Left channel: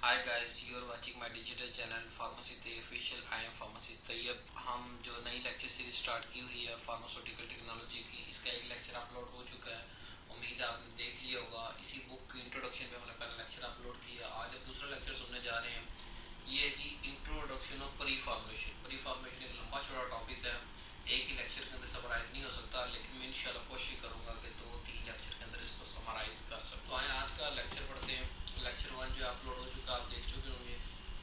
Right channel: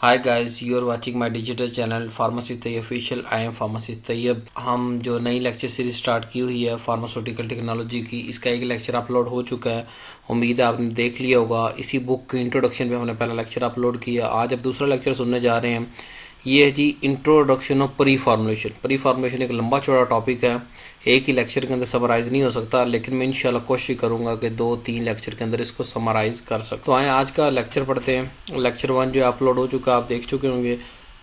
Hi guys, you are watching my digital channel pharmacist Tayyab official. I am pharmacist Tayyab. हम जो नई lecture series start की हुई है फार्मास्यूटिकल टेक्नोलॉजी की, इसका एक लेक्चर अपलोड हो चुका है। उम्मीद है आपने देख लिया होगा। इसी बुक के इंट्रोडक्शन पे हमने पहला लेक्चर अपलोड किया। आज अब दूसरा लेक्चर सुनने जा रहे हैं। ये है जी introduction of pre formulation. Pre formulation एक लंबा चौड़ा टॉपिक है, एक ही लेक्चर के अंदर समराइज़ नहीं हो सकता, लेकिन मैं इंशाल्लाह कोशिश करूँगा कि 2-3 लेक्चर के अंदर इसको समराइज़ कर सकूँ। तो आए आज का लेक्चर पढ़ते हैं। लेक्चर 1 जो अपलोड हो चुका आप देख चुके होंगे।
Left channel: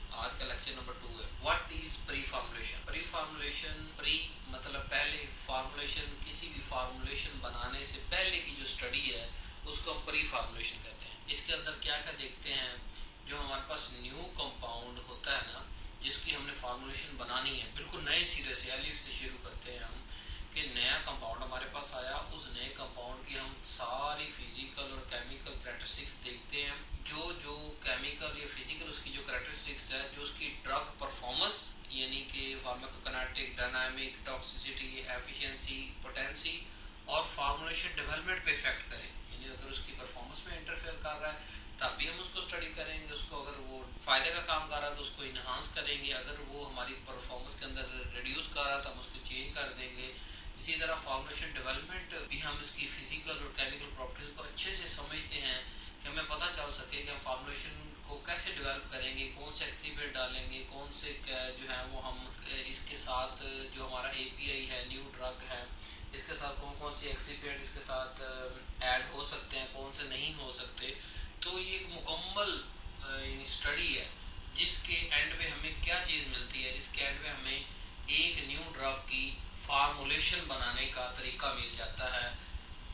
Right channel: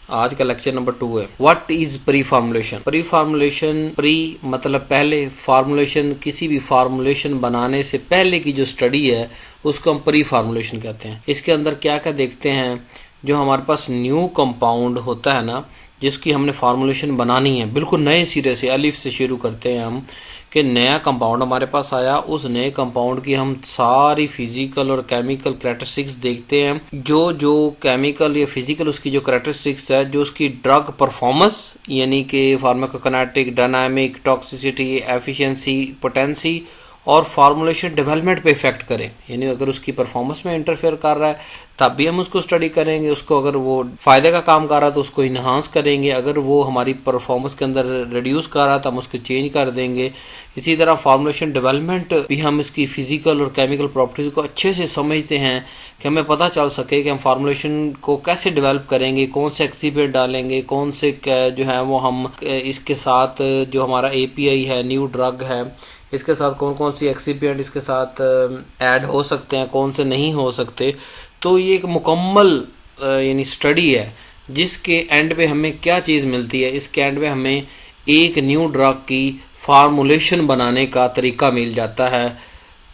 आज का लेक्चर नंबर 2 है what is pre formulation. Pre formulation, pre मतलब पहले, फार्मुलेशन किसी भी फार्मुलेशन बनाने से पहले की जो स्टडी है उसको हम प्री फार्मुलेशन कहते हैं। इसके अंदर क्या क्या देखते हैं, जो हमारे पास न्यू कंपाउंड होता है ना, जिसकी हमने फार्मुलेशन बनानी है बिल्कुल नए सिरे से, अलिफ से शुरू करते हैं हम कि नया कंपाउंड हमारे पास आया, उस नए कंपाउंड की हम सारी फिजिकल और केमिकल कैरेक्टरिस्टिक्स देखते हैं। जो जो केमिकल या फिजिकल उसकी जो कैरेक्टरिस्टिक्स है, जो उसकी ड्रग परफॉर्मेंस यानी कि pharmacokinetic, dynamic, toxicity, efficiency, potency और फार्मुलेशन डेवलपमेंट पे इफेक्ट करें, यानी अगर उसकी परफॉर्मेंस में इंटरफेयर कर रहा है तब भी हम उसको स्टडी करेंगे। उसको अगर वो फ़ायदे का काम कर रहा है तो उसको इन्हांस करेंगे। अगर वो हमारी परफॉर्मेंस के अंदर रिड्यूस कर रहा है तो हम उसको चेंज कर देंगे। इसी तरह फार्मुलेशन डेवलपमेंट भी हम इसकी फ़िज़िकल और केमिकल प्रॉपर्टीज़ को अच्छे से समझते हैं कि हमें पता चल सके कि हम फार्मुलेशन को कैसे डेवलप करेंगे, कौन से एक्सिपिएंट डालेंगे, कौन से जो है वो हम इसके साथ जो हमारा एपीआई है, न्यू ड्रग है, इसके साथ कौन कौन सी एक्सिपिएंट इसके साथ ऐड हो सकते हैं, कौन से नहीं हो सकते। तो ये एक मुकम्मल यानी स्टडी है जिसके एंड पे हमें क्या चीज़ मिलती है। इसके एंड पे हमें एक न्यू ड्रग की फार्मुलेशन बनाने का तरीका मिल जाता है।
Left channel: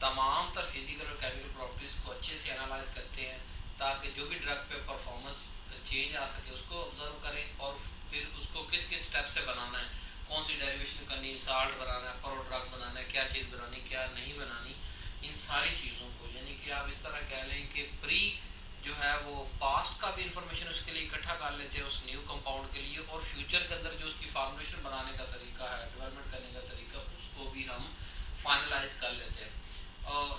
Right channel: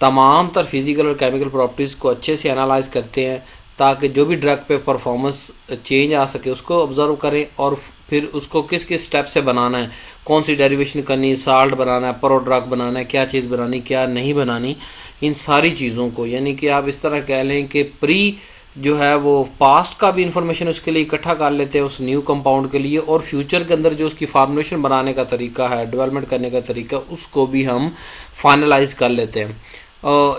तमाम तर फिज़िकल और केमिकल प्रॉपर्टीज़ को अच्छे से एनालाइज करते हैं ताकि जो भी ड्रग पे परफॉर्मेंस चेंज आ सके उसको ऑब्ज़र्व करें और फिर उसको किस किस स्टेप से बनाना है, कौन सी डेरिवेशन करनी है, साल्ट बनाना है, प्रो ड्रग बनाना है, क्या चीज़ बनानी क्या नहीं बनानी, इन सारी चीज़ों को, यानी कि आप इस तरह कह लें कि प्री जो है वो पास्ट का भी इंफॉर्मेशन उसके लिए इकट्ठा कर लेते हैं उस न्यू कंपाउंड के लिए, और फ्यूचर के अंदर जो उसकी फार्मुलेशन बनाने का तरीका है, डेवलपमेंट करने का तरीका, उसको भी हम फाइनलाइज कर लेते हैं।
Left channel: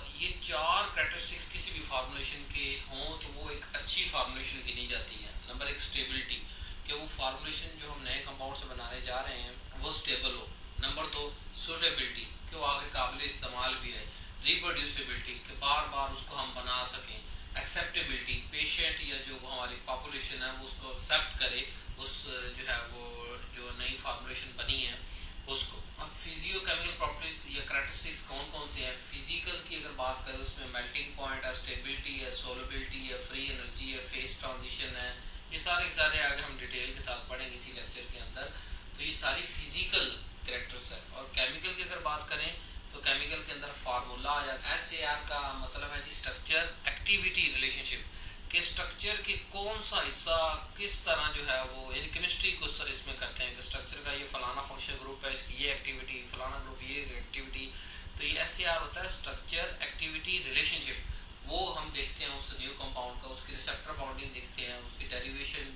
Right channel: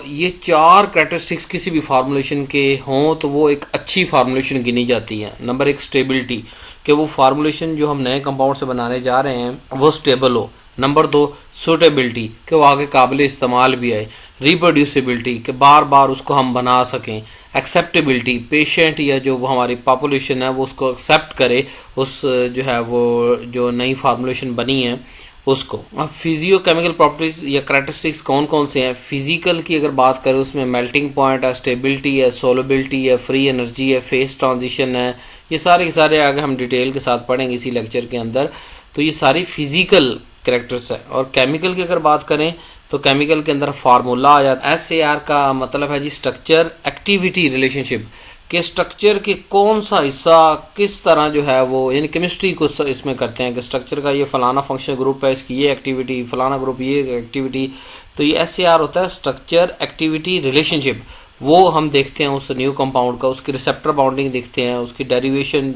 ये 4 कैरेक्टरिस्टिक्स किसी भी फार्मुलेशन के हों तो वो एक अच्छी फार्मुलेशन गिनी जाती है। नंबर 1 स्टेबिलिटी, कि वो फार्मुलेशन जो हम नए कंपाउंड से बनाने जा रहे हैं वो स्टेबल हो। नंबर 2 सूटेबिलिटी, कि वो आगे काबिल इस्तेमाल भी आए। रिप्रोड्यूसिबिलिटी, कि बार बार उसको हम बना सकें। एक्सेप्टेबिलिटी, पेशेंट या जो हमारी पॉपुलेशन है वो उसको एक्सेप्ट करे, उस जो है वो जो नई फार्मुलेशन बनी है उसको। अब फिजियो केमिकल प्रॉपर्टीज या करेक्टरिस्टिक्स कौन कौन से हैं। फिजिकल की अगर बात करें उसमें मेल्टिंग पॉइंट है, स्टेबिलिटी है, सोलेबिलिटी है, फ्री एनर्जी है, फेस ट्रांजिशन है। ये सारे के सारे आगे हम डिटेल के साथ पढ़ेंगे इसी लेक्चर के अंदर। तो ये सारी फिजिकल करेक्टर्स है। और केमिकल की अगर बात करें तो केमिकल के अंदर फार्मूला आ जाता है। SAR का मतलब है जी स्ट्रक्चर एक्टिविटी रिलेशनशिप, के स्ट्रक्चर के कौन सा हिस्सा किस तरह जो है वो, यानी केमिस्ट्री को इसमें करते हैं कि स्ट्रक्चर का ये फलाना फंक्शनल ग्रुप है, इसकी ये एक्टिविटी, फलाना ग्रुप ये एक्टिविटी। तो ये SAR होता है स्ट्रक्चर एक्टिविटी रिलेशनशिप। वो हम देखते हैं उस न्यू कंपाउंड का, उसकी रिसेप्टर बाउंडिंग देखते हैं, उसकी डेरिवेशन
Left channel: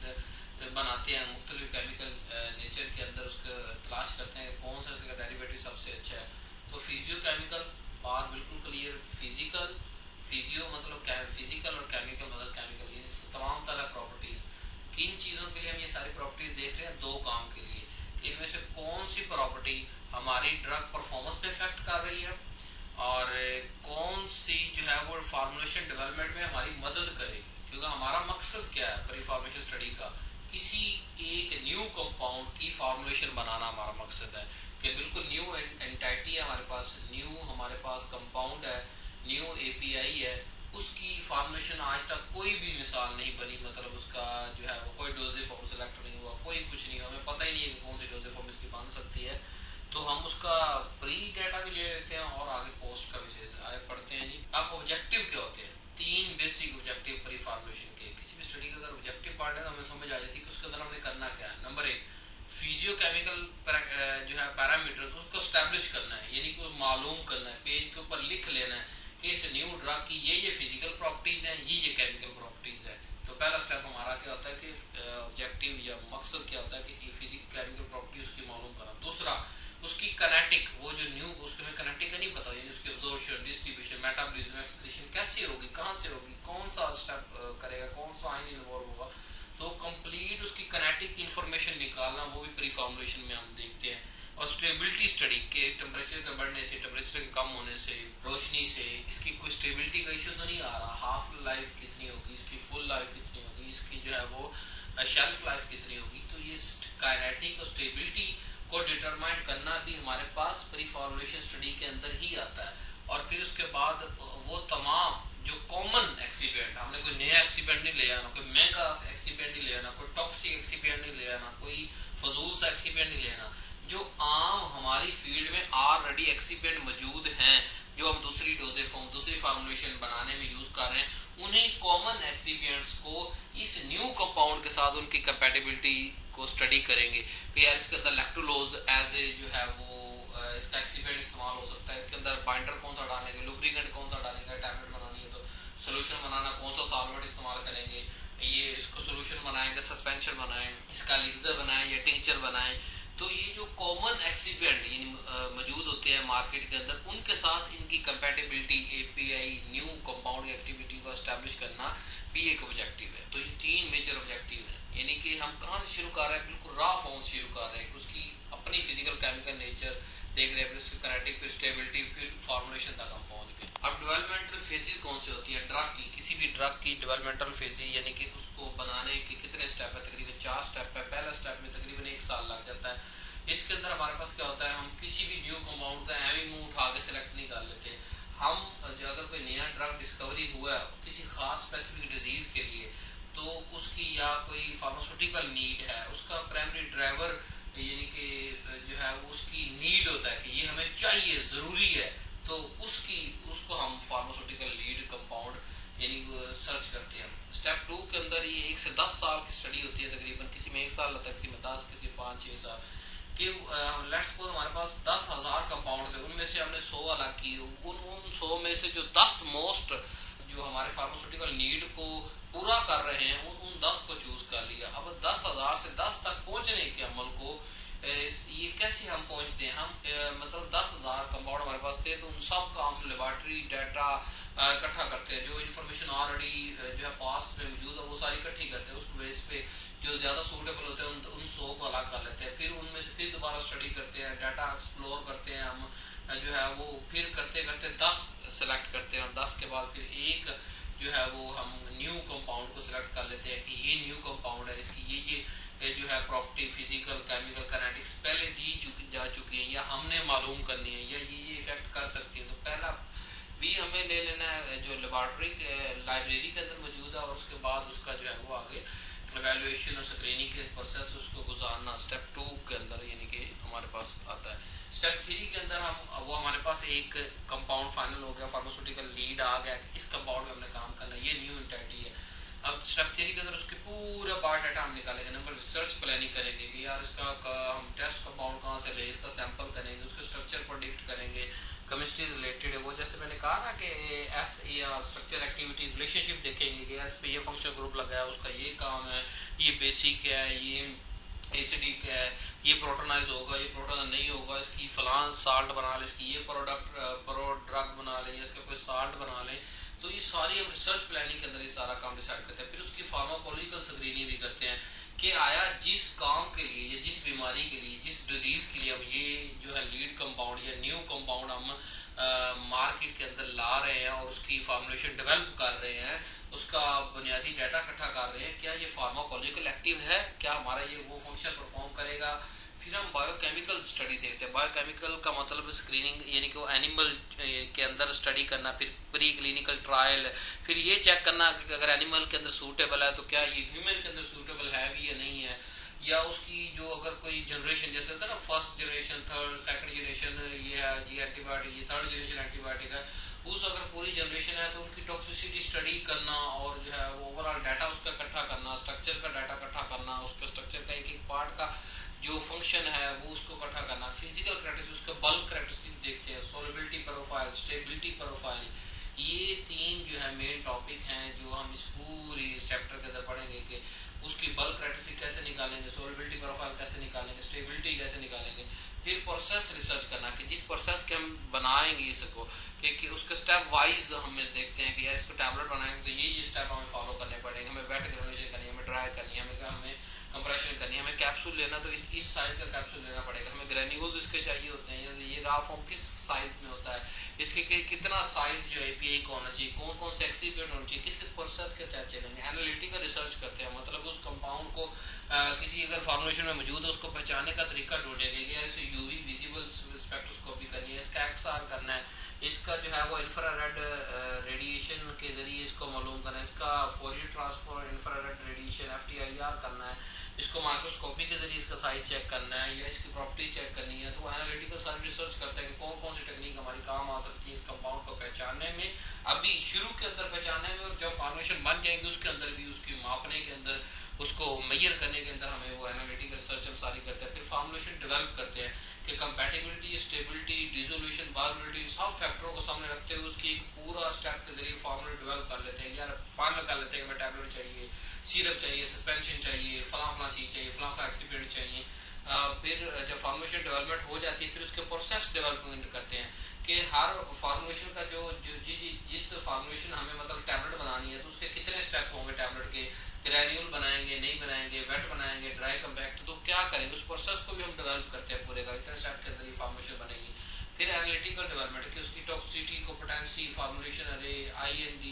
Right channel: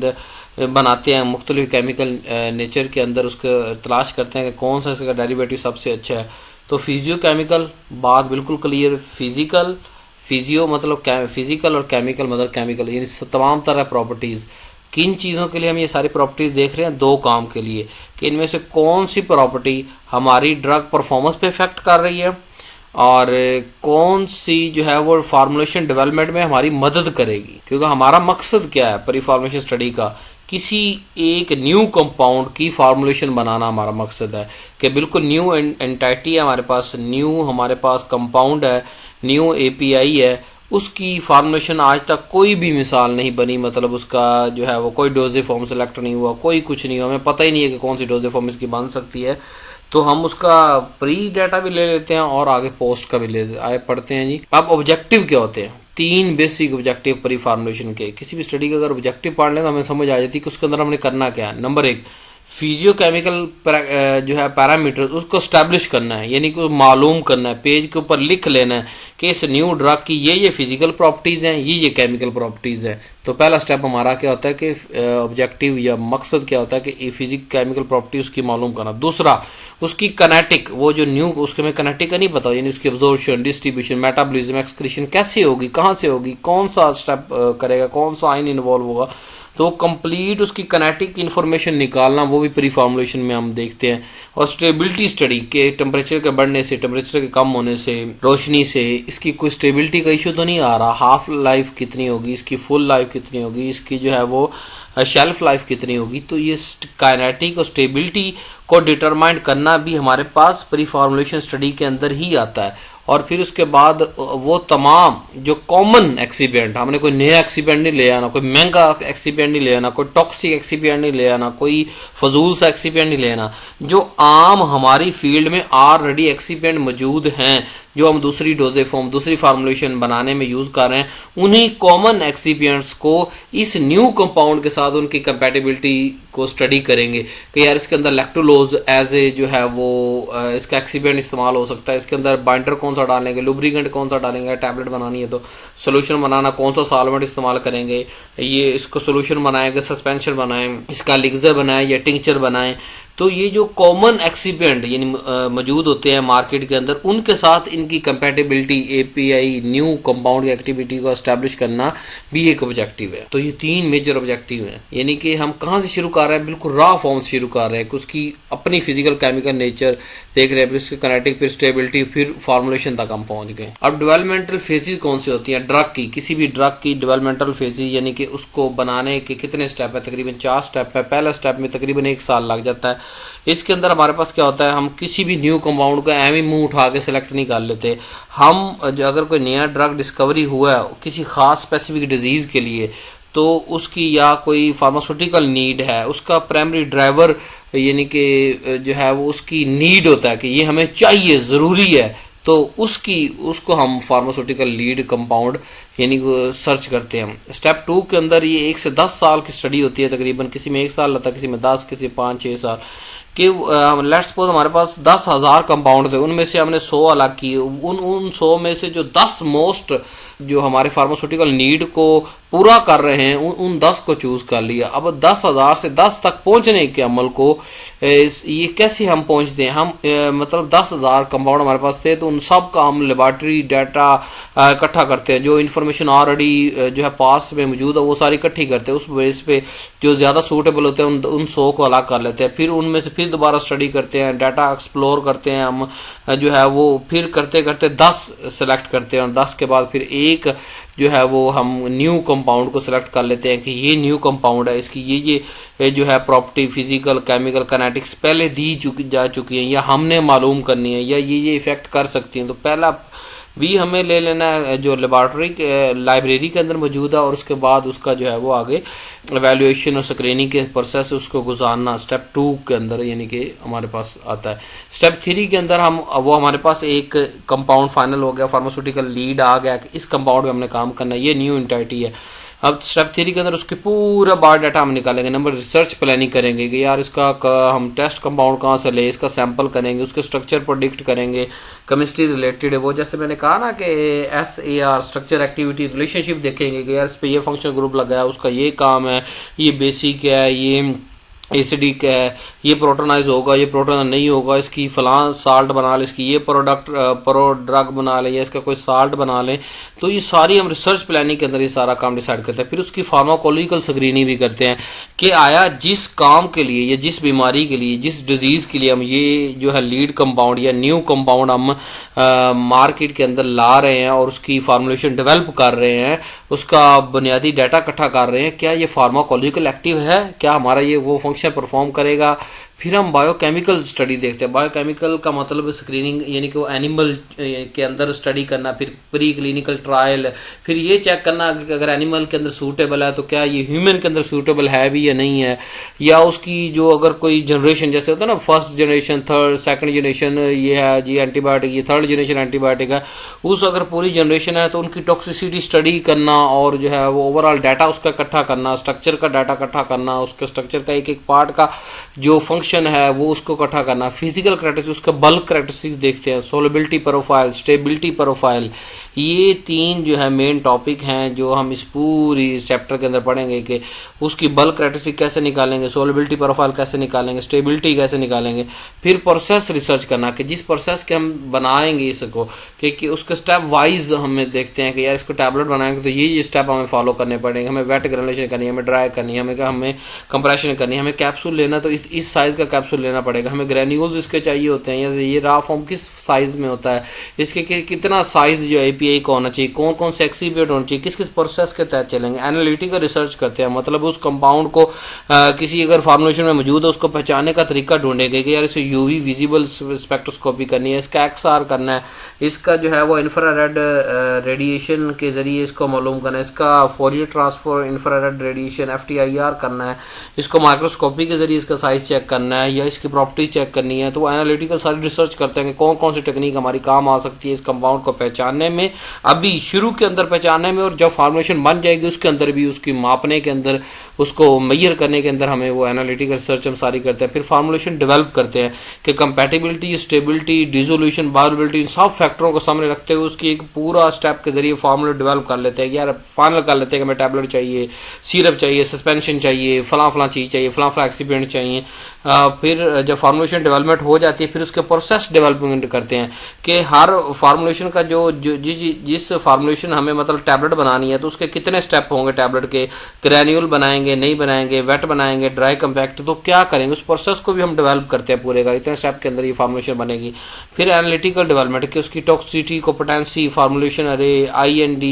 बनाते हैं मुख्तलिफ केमिकल नेचर के अंदर, उसको तलाश करते हैं कि कौन सा इसका डेरिवेटिव सबसे अच्छा है। तो फिजियो केमिकल बात बिल्कुल क्लियर। फिजिकल, फिजियो मतलब फिजिकल और केमिकल मतलब केमिकल, यानी तमाम तरह प्रॉपर्टीज़। किन चीज़ों के लिए हम ये सारी प्रॉपर्टीज़ देख रहे हैं? 2 काम के लिए, कि इनमें से कौन सी प्रॉपर्टी हमारी ड्रग परफॉर्मेंस पे इफेक्ट कर रही है और कौन सी जो है वो फार्मुलेशन डेवलपमेंट में हमारी मदद करेगी। क्योंकि हमारा मकसद क्या है प्री फार्मुलेशन स्टडी का, किसी एक न्यू कंपाउंड की फार्मुलेशन बनाना हमारा मकसद है। कि बिल्कुल न्यू एंटाइटी है हमारे पास, न्यू हमारे पास कंपाउंड है, न्यू API है, उसकी फार्मुलेशन आज तक कोई भी मिसाल नहीं बनी, मतलब उसका जो है वो कोई डोजे फॉर्म सेलेक्ट नहीं हुआ, कोई कुछ नहीं हुआ, हमें पता ही नहीं है कि कौन सी डोजे फॉर्म इसकी बन सकती है। तो हम उसका प्री डाटा भी ले लेते हैं और आगे पोस्ट का भी ले आए पढ़ते हैं जी। अब ऑब्जेक्टिव क्या होते हैं? 3 बेसिक ऑब्जेक्टिव प्री फार्मुलेशन के। किसी भी स्टडी का अगर ऑब्जेक्टिव पढ़ लें तो हमें समझ आ जाती है कि उसके अंदर हमने करना क्या है। नंबर 1 फिजियो केमिकल जो है पैरामीटर उसको स्टैब्लिश करना है, यानी कि मालूम करना है, पेज के ऊपर लिख लेना है कि इस न्यू ड्रग की ये फिजिकल प्रॉपर्टीज़ हैं, ये केमिकल प्रॉपर्टीज़ हैं। तो पहला स्टेप हमारा क्या होता है कि ऑब्जेक्टिव या मकसद क्या होता है कि फिजिक केमिकल प्रॉपर्टी उसकी मालूम करना। दूसरा उसकी कनेटिक, वो जो न्यू उसके में कनेटिक का नहीं पता, यानी उसकी एब्जॉर्प्शन, डिस्ट्रीब्यूशन, मेटाबॉलिज्म, एक्सक्रीशन कैसे होगी, कहाँ से होगी, कौन सा स्टेप करेगा, कौन सा आइन इन्वॉल्व होगा। तो कंप्लीट उसकी काइनेटिक इन्फॉर्मेशन निकालना वो भी प्री फार्मूलेशन में हम देखते हैं। और स्टेबिलिटी स्टडी के टेम्परेचर के बढ़ने से, टेम्परेचर के कम होने से, रोशनी से इसकी कोई स्टेबिलिटी का इशू तो नहीं आ रहा, हाफ लाइफ कितनी होगी इसकी, फुल लाइफ कितनी होगी इसकी, जो है वो शेल्फ लाइफ कितनी होगी। तो ये काइनेटिक और स्टेबिलिटी को डिटरमाइन करना भी हमारे पास प्री फार्मूलेशन स्टडी के अंदर ही आता है। और फिर उसके बाद वो तमाम जो कॉमन एक्सीपेंट, हमने कोई नया एक्सीपेंट नहीं ले आना, कोई महंगा एक्सीपेंट नहीं ले आना, कोई टॉक्सिक एक्सीपेंट नहीं ले आना, कोई फजूल सा एक्सीपेंट नहीं ले आना, जो आम हमारी फील्ड में ऑलरेडी एक्सीपेंट मौजूद हैं, जो हम दूसरी डोजेज फॉर्म, दूसरी फार्मूलेशन बनाने में यूज़ कर रहे हैं, उन्हीं कॉमन एक्सीपेंट्स को इस न्यू कंपाउंड के साथ उनकी कंपैटिबिलिटी को स्टडी करेंगे कि यार इसके अंदर लैक्टोलोज एज ए जो है वो इसका एक्सीपेंट इस्तेमाल हो सकता है, इसके अंदर बाइंडर कौन सा डालेंगे, लुब्रिकेंट कौन सा डालेंगे, टैबलेट बनानी है तो सोल्यूशन बनाना कौन सा सॉल्वेंट इस्तेमाल करेंगे, ये इसको सोल्यूशन बनाएंगे, सस्पेंशन बनाएं, इसका लिक्सर बनाएं या टिंक्चर बनाएं। तो ये जो कॉमन एक्सीपेंट यानी मौजूद होते हैं मार्केट के अंदर, उनके साथ इनकी कंपैटिबिलिटी, एपीआई न्यू कंपाउंड की एक्टिविटी को एस्टैब्लिश करना भी एक ऑब्जेक्टिव है। तो ये 3 मेजर ऑब्जेक्टिव हैं, यानी कि हम कहाँ से शुरू कर रहे हैं, बिल्कुल रॉ फॉर्म से शुरू कर रहे हैं कि उसकी अपनी फिजिकल केमिकल नेचर देख रहे हैं, फिर उसकी काइनेटिक, फिर स्टेबिलिटी, फिर फार्मूलेशन तक हम पहुँच गए। अब डेवलपमेंटल फेजेस कौन सी होती हैं ड्रग की, किसी भी ड्रग की डेवलपमेंटल फेजेस यानी कि उसको बनाने के कितने स्टेप है, तकरीबन 4 स्टेप है। पहला स्टेप में तकरीबन 1 साल लग जाता है। इसके अंदर हमारे पास क्या होता है, हम किसी भी न्यू कंपाउंड को एम ही मुँह उठा के सिलेक्ट नहीं कर लेते। हम जो अगर कोई नया ड्रग डिस्कवरी हुआ है किसी ख़ास स्पेसिफिक डिजीज़ के लिए, तो उसकी या कोई फार्मास्यूटिकल नीड है, उसका प्राइमरी ड्राइवर यानी कि जो है वो उसकी नीड होता है कि ये हमें चाहिए, ज़रूरी है, तो उसको हम फार्मास्यूटिकल लीड कंपाउंड यानी सर्च करते हैं। स्टेप 2 के अंदर ये 1 से 10 साल की स्टडी होती है, तकरीबन किसी में 1 साल लगता है, किसी में 10, किसी में 5-6 साल कि लेट्स सपोज हमारे पास 10,000 कंपाउंड थे, उनमें से हमने 100 अलग किए, उन 100 में से जो 10 मोस्ट जो हमारे फार्मास्यूटिकल नीड को पूरा कर रहे हैं उन 10 को चूज़ कर लिया। अब 10,000 से 10 तक पहुंचने के अमल को ये कैसे हम पहुंचते हैं, हम मतलब 10,000 कंपाउंड हमारे पास थे, तो उन सब का हम लेबॉर्ट्री डाटा इकट्ठा करते हैं, जो इन्फॉर्मेशन ऑलरेडी जो है पास में मौजूद है वो सारी इकट्ठी करते हैं, उस बेस पे जो ज़्यादा सूटेबल होते हैं उन 100 को अलग कर लेते हैं, फिर उनमें से फिर दोबारा स्टडी करते हैं, डाटा एक्सप्लोर करते हैं हम जो है वो, फिर करते करते 10 सेलेक्ट करते हैं, और 10 के बाद फिर एक जो है वो हम न्यू कंपाउंड को सिलेक्ट कर लेते हैं कि ये न्यू कंपाउंड है, इसकी ये जो है प्रॉपर्टी, फिजिकल, केमिकल, काइनेटिक्स पहले जा चुकी हैं या हमने मालूम करनी है, या ये इफ़ेक्ट कर सकती हैं। तो पहला भी हमें ले लेना है जो लेबॉर्ट्री लाइब्रेरी के अंदर मौजूद है, और उसके बाद उसका जो है वो आगे एवेल्युएशन और स्क्रीनिंग के प्रोसेस उसको गुजारना स्टेप 2 के अंदर यानी कि हमारे पास आता है। स्टेप 3 के अंदर हमारे पास एक कंपाउंड फाइनल हो गया, फार्मास्यूटिकल लीड आ गया कि इस कंपाउंड में हमने काम करना है, ये न्यू एंटिटी है। अब स्टेप 3 के अंदर उसके पूरा बायोडाटा हम निकालेंगे, नंबर रिसर्च प्लानिंग करेंगे कि यार इसका हम टेस्ट कंपाउंड कहाँ से ले, इसका सैंपल करेंगे, उसके स्ट्रक्चर प्रोडिक्ट करेंगे, केमिस्ट्री रिलेटेड है वो, जैसे मैंने कहा ना कि SAR स्ट्रक्चर एक्टिविटी रिलेशनशिप देखेंगे कि यार इस पर ये फंक्शन ग्रुप लगा है, उसका ये काम है, ये बेसिक है, ये एसिडिक है, ये प्रोटोनाइज होगा, ये प्रोटोनाइज नहीं होगा, इसकी फलां साल्ट बना लें, इसकी ये ड्रग बना लें, या इसका कोई साल्ट बना लें। तो ये सारी हम रिसर्च प्लानिंग के अंदर ये सारा काम डिसाइड करते हैं। फिर उसकी फार्माकोलॉजिकल स्क्रीनिंग भी करते हैं कि आया जिस काम के लिए या जिस बीमारी के लिए, जिस डिजीज़ के लिए हम ये जो है लीड कंपाउंड या न्यू कंपाउंड हम मार्केट के अंदर ला रहे हैं और उसकी फार्मूलेशन डेवलप कर रहे हैं, उसका बुनियादी डाटा इकट्ठा कर रहे हैं, क्या ये फार्माकोलॉजिकल एक्टिव है, क्या हमारा ये वो फंक्शन परफॉर्म करेगा। फिर हम बायोकेमिकल स्टडी देखते हैं। बायोकेमिकल का मतलब स्क्रीनिंग यानी कि वो एनिमल के अंदर स्टडी करना, फिर प्री क्लिनिकल ट्रायल, फिर ये चेक करना कि अगर एनिमल के अंदर सूटेबल है तो क्या ये ह्यूमन के अंदर सूटेबल है भी या नहीं है, या उसकी जो अगर कोई जनरेशन जैसे होता है ना, first generation, third, second generation ये है जी एंटीबायोटिक, ये थर्ड जनरेशन एंटीबायोटिक है, उस अगर पूरी जनरेशन है तो उनकी टॉक्सिसिटी स्टडी करना और जो है वो ओवरऑल डाटा उसका इकट्ठा करना, स्ट्रक्चर का डाटा इकट्ठा करना, उसके स्ट्रक्चर का एक एक पार्ट का जो फंक्शन क्वेश्चन है वो उसको इकट्ठा करना, फिजिकल करेक्टरिस्टिक्स, उसका बल्क करेक्टरिस्टिक्स देखते हैं, सोलबिलिटी प्रोफाइल, स्टेबिलिटी प्रोफाइल। ये 3 जो है मेन टॉपिक हैं जो हम इस पूरी चैप्टर के अंदर पढ़ेंगे कि उसकी बल्क करेक्टरिस्टिक कैसे निकालेंगे, सोलबिलिटी प्रोफाइल कैसे निकालेंगे, स्टेबिलिटी कैसे निकालेंगे। फिर प्रोसेस रिसर्च करना कि जिस प्रोसेस के हम बनाएंगे इसको कि उसके स्टेप वाइज हमें देखते हैं कि यार इसको टैबलेट बनाएंगे तो ये स्टेप हमें फॉलो करने पड़ेंगे, हमें वेट ग्रेनुलेशन करनी है, हमें ड्राई करनी है, हमें कंप्रेशन करनी है, हमें कैप्सूल लेना तो इस साइज़ का कैप्सूल लेना पड़ेगा, हमें ग्रेन्यूल्स इसके चाहिए होते हैं, जैसे ये रा फॉर्म किस साइज़ में होता है, इसके कितना साइज़ जो एपीआई का होना चाहिए, कौन कौन से एक्सिपिएंट होना चाहिए, किस किस प्रोसेस के तहत चलेंगे। एनालिटिकल रिसर्च करते हैं, मतलब उस कंपाउंड को किसी अगर फार्मुलेशन में मौजूद है उसको पहचानने का तरीका ढूंढेंगे कि यार इसे यूवी विजिबल स्पेक्ट्रोस्कोपी करनी है, इसका एक्सआर करना है, इसका जो है वो इंफ्रारेड रेडिएशन के ज़रिए इसको मालूम करना है, इसका Fourier transfer infrared radiation FTIR करना है, इसको माइक्रोस्कोपी के ज़रिए इसका साइज़ चेक करना है या इसकी प्रॉपर्टीज चेक करनी है। तो वो एनालिटिकल सारी रिसर्च करते हैं कि कौन कौन सी टेक्निक हमारी काम आ सकती है इस कंपाउंड को पहचानने में, अभी शुरू के अंदर पहचानने में, और जब फार्मुलेशन बन जाएगी उसके अंदर भी उसकी मापने के अंदर, उसको मेजर करने के अंदर हमें वो एनालिटिकल रिसर्च हम सारी करते हैं। फिर फार्मुलेशन डेवलप करते हैं कि कंपैटिबिलिटी, स्टेबिलिटी, डिसोल्यूशन, बायोबिलिटी, इन सब फैक्टरों को सामने रखते हुए उसकी एक पूरा स्टेप के जरिए फार्मूला डेवलप कर लेते हैं कि यार फाइनल कर लेते हैं कि हमें टैबलेट चाहिए, सिरप चाहिए, सस्पेंशन चाहिए, फलां चीज़ चाहिए, फलां एक्सिपिएंट चाहिए। फिर जब फार्मुलेशन डेवलपमेंट हो जाती है फिर उसके प्रोसेस डेवलपमेंट करते हैं कि हर फार्मुलेशन का जो जिस फार्मुलेशन हमें मतलब टैबलेट बनानी है तो उसके कितने स्टेप होंगे टैबलेट के, ग्रैन्यूल बनाएंगे, नहीं बनाएंगे, वेट बनाएंगे, ड्राई कम्पैक्ट, तो क्या करेंगे उस प्रोसेस को भी हम डेवलप करते हैं पूरे का, इतने स्टेप के अंदर ये फार्मुलेशन बनेगी। फिर एनालिटिकल डेवलपमेंट कि उसकी टॉक्सिसिटी, कॉम्पिटेंसी, फार्मुलेशन अरे, IND,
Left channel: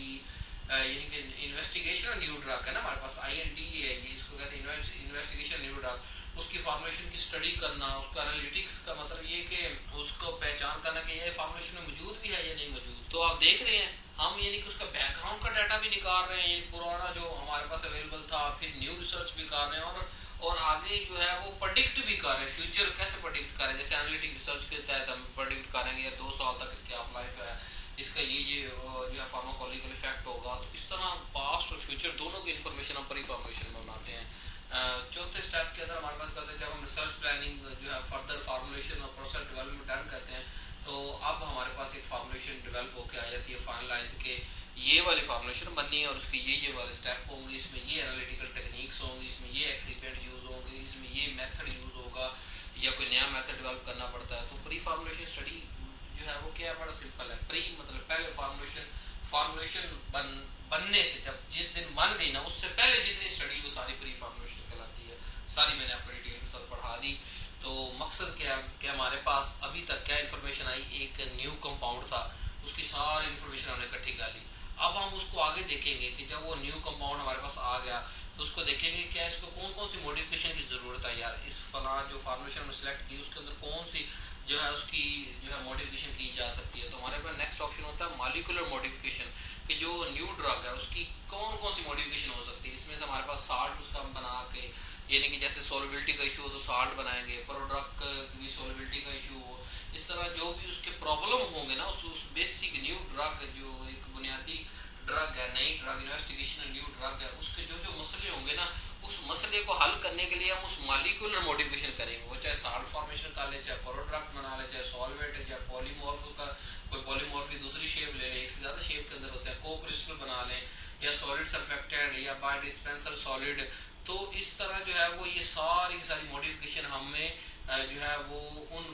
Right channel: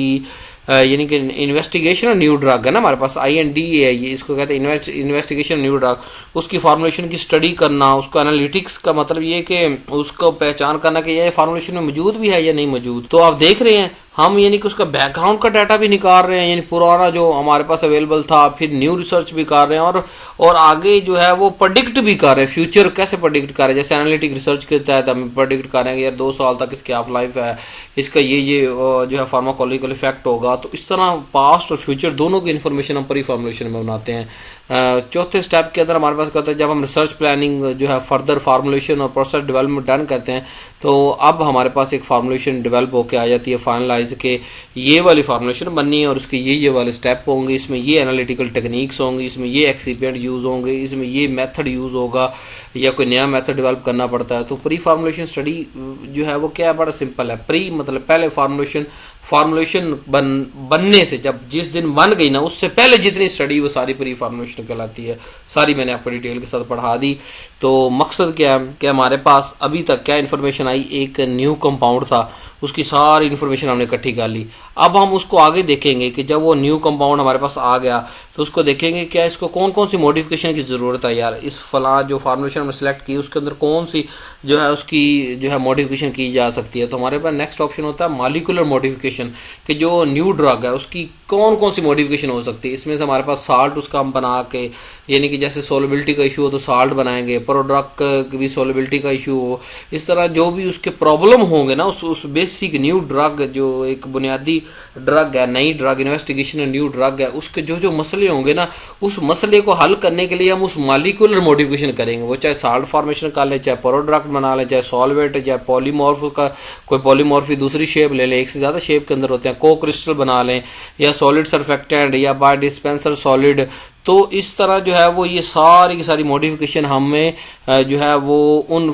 यानी कि इन्वेस्टिगेशन न्यू ड्रग है ना हमारे पास, IND है ये, इसको कहते हैं इन्वेस्टिगेशन न्यू ड्रग, उसकी फार्मुलेशन की स्टडी करना, उसको एनालिटिक्स का मतलब ये कि उसको पहचान करना कि ये फार्मुलेशन में मौजूद भी है या नहीं मौजूद। तो आप देख रहे हैं हम यानी कि उसका बैकग्राउंड का डाटा भी निकाल रहे हैं, यानी पुराना जो हमारे पास अवेलेबल था, फिर न्यू रिसर्च भी कर रहे हैं और आगे जो है वो प्रेडिक्ट भी कर रहे हैं, फ्यूचर कैसे प्रेडिक्ट कर रहे हैं। जैसे एनालिटिक रिसर्च के तहत हम प्रेडिक्ट कर रहे हैं कि यार 2 साल तक इसकी हाफ लाइफ है, इसका ये जो है फार्माकोलॉजिकल इफेक्ट होगा। तो इस तरह पास्ट और फ्यूचर दोनों की इन्फॉर्मेशन हम प्री फार्मुलेशन में बनाते हैं। चौथे स्टेप के अंदर हमारे पास कहते हैं जब हम रिसर्च प्लानिंग जो है फर्दर फार्मुलेशन और प्रोसेस डेवलपमेंट डन करते हैं तो अब हमारे पास एक फार्मुलेशन डेवलप होकर आ जाती है फाइनलाइज के ये वाली फार्मुलेशन बननी है और इसके ये वाले स्टेप होंगे, इसमें ये एनालिटिकल टेक्निक्स होंगी, इसमें ये एक्सिपिएंट यूज़ होंगे, इसमें ये मेथड यूज़ होगा या कोई नया मेथड डेवलप करना पड़ता है। तो प्री फार्मुलेशन स्टडी जो है वो क्या है, बड़ा सिंपल है। प्री मतलब पहले फार्मुलेशन बनने से जब जिस दिन बन गई ना उससे पहले जितनी स्टडी वो सारी प्री फार्मुलेशन कहलाती है। सारी मैंने आपको डिटेल के साथ पढ़ा दी। तो मकसद क्या है कि हमारे पास अभी तक क्या इन्फॉर्मेशन आई, एक न्यू कंपाउंड था, उसकी सारी इन्फॉर्मेशन हमने इकट्ठी कर ली। अब हम उसको आगे देखेंगे कि जब वो न्यू कंपाउंड हमारे पास आ गया तो उसको देखेंगे क्या इसको कौन कौन सी मॉडिफिकेशन की ज़रूरत है यार, इस फला जो फार्मुलेशन हमने सेलेक्ट की उसके अंदर कौन सी जो है उसकी जो है मॉडिफिकेशन की जा सकती है। तो हमारे पास नेक्स्ट ऑप्शन होता है मॉलिक्यूलर मॉडिफिकेशन कि जो न्यू ड्रग है उसकी कौन कौन सी मॉडिफिकेशन हो सकती है। इसमें से हमारे पास साल्ट उसका हम बना के, यानी कि जैसे सोलबिलिटी का इशू हो तो साल्ट बनाएंगे, प्रोडक्ट की भी सोलबिलिटी का इशू हो, इस तरह जो भी उसके प्रॉब्लम होंगे ना उस बेसिक न्यू ड्रग जो एक बुनियादी ड्रग है, नई ड्रग इन्वेस्टिगेशन न्यू ड्रग है, उसके जो मसले होंगे ना उस मसले को हल करने के लिए हम उस मॉलिक्यूलर मॉडिफिकेशन करेंगे। वो चाहे साल्ट फॉर्मेशन कर ले, चाहे प्रोडक्ट बना ले, चाहे सॉल्वेंट, चाहे पॉलीमॉर्फ का कोई पॉलीमॉर्फी दूसरी शेप ले लें, एक से ज़्यादा शेप के अंदर होते हैं, को क्रिस्टल बना लें या सॉलिड सरफेक्टेंट या बाय डिस्पेंसर सॉलिड। तो इस तरह जो है वो ये सारी की सारी मॉडिफिकेशन हमें जो है वो उन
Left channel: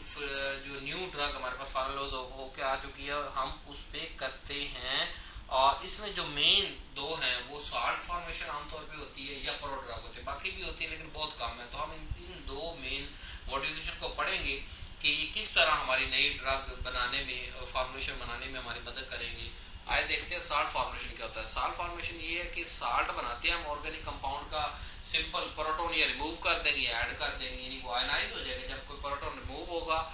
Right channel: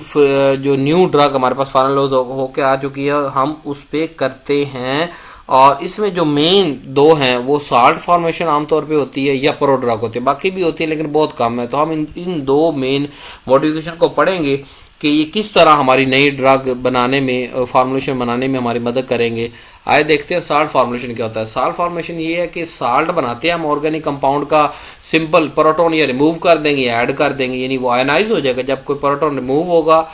जो न्यू ड्रग हमारे पास फाइनल होके आ चुकी है हम उस पर करते हैं। और इसमें जो मेन दो हैं वो साल्ट फॉर्मेशन आमतौर पे होती है या प्रोड्रग होती है, बाकी भी होती है लेकिन बहुत कम है। तो हम इन दो मेन मॉडिफिकेशन को पढ़ेंगे कि ये किस तरह हमारी नई ड्रग बनाने में, फार्मुलेशन बनाने में हमारी मदद करेंगे। आए देखते हैं साल्ट फार्मुलेशन क्या होता है। साल्ट फार्मुलेशन ये है कि साल्ट बनाते हैं हम ऑर्गेनिक कंपाउंड का, सिंपल प्रोटॉन या रिमूव कर देंगे या ऐड कर देंगे, यानी वो आयनाइज हो जाएगा। जब कोई प्रोटॉन रिमूव होगा